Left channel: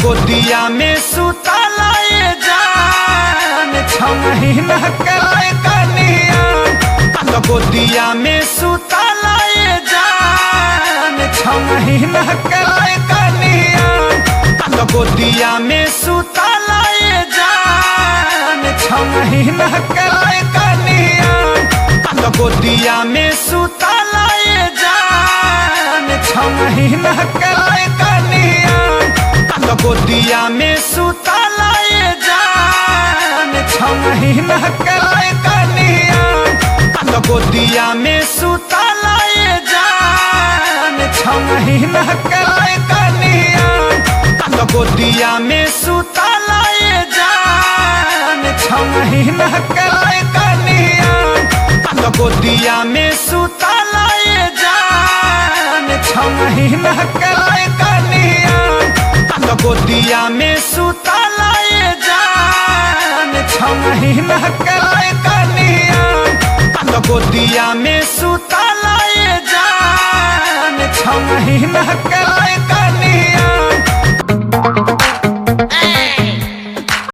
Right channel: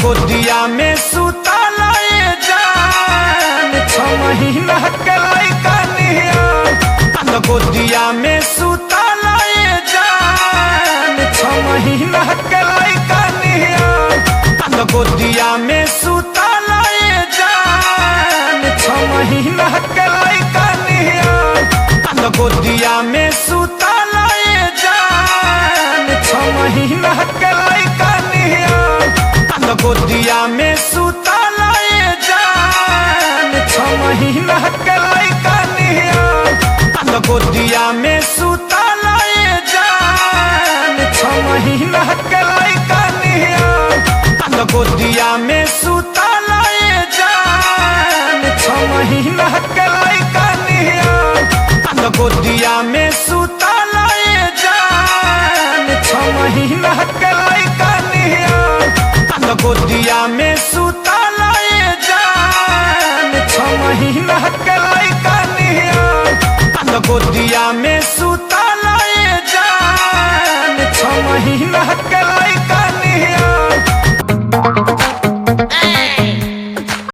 गोदिया में सुतला ये जान 6 महीना के लइका नियन गोदिया में सुतला ये जान 6 महीना के लइका नियन गोदिया में सुतला ये जान 6 महीना के लइका नियन गोदिया में सुतला ये जान 6 महीना के लइका नियन गोदिया में सुतला ये जान 6 महीना के लइका नियन गोदिया में सुतला ये जान 6 महीना के लइका नियन गोदिया में सुतला ये जान 6 महीना के लइका नियन गोदिया में सुतला ये जान 6 महीना के लइका नियन गोदिया में सुतला ये जान 6 महीना के लइका नियन गोदिया में सुतला ये जान 6 महीना के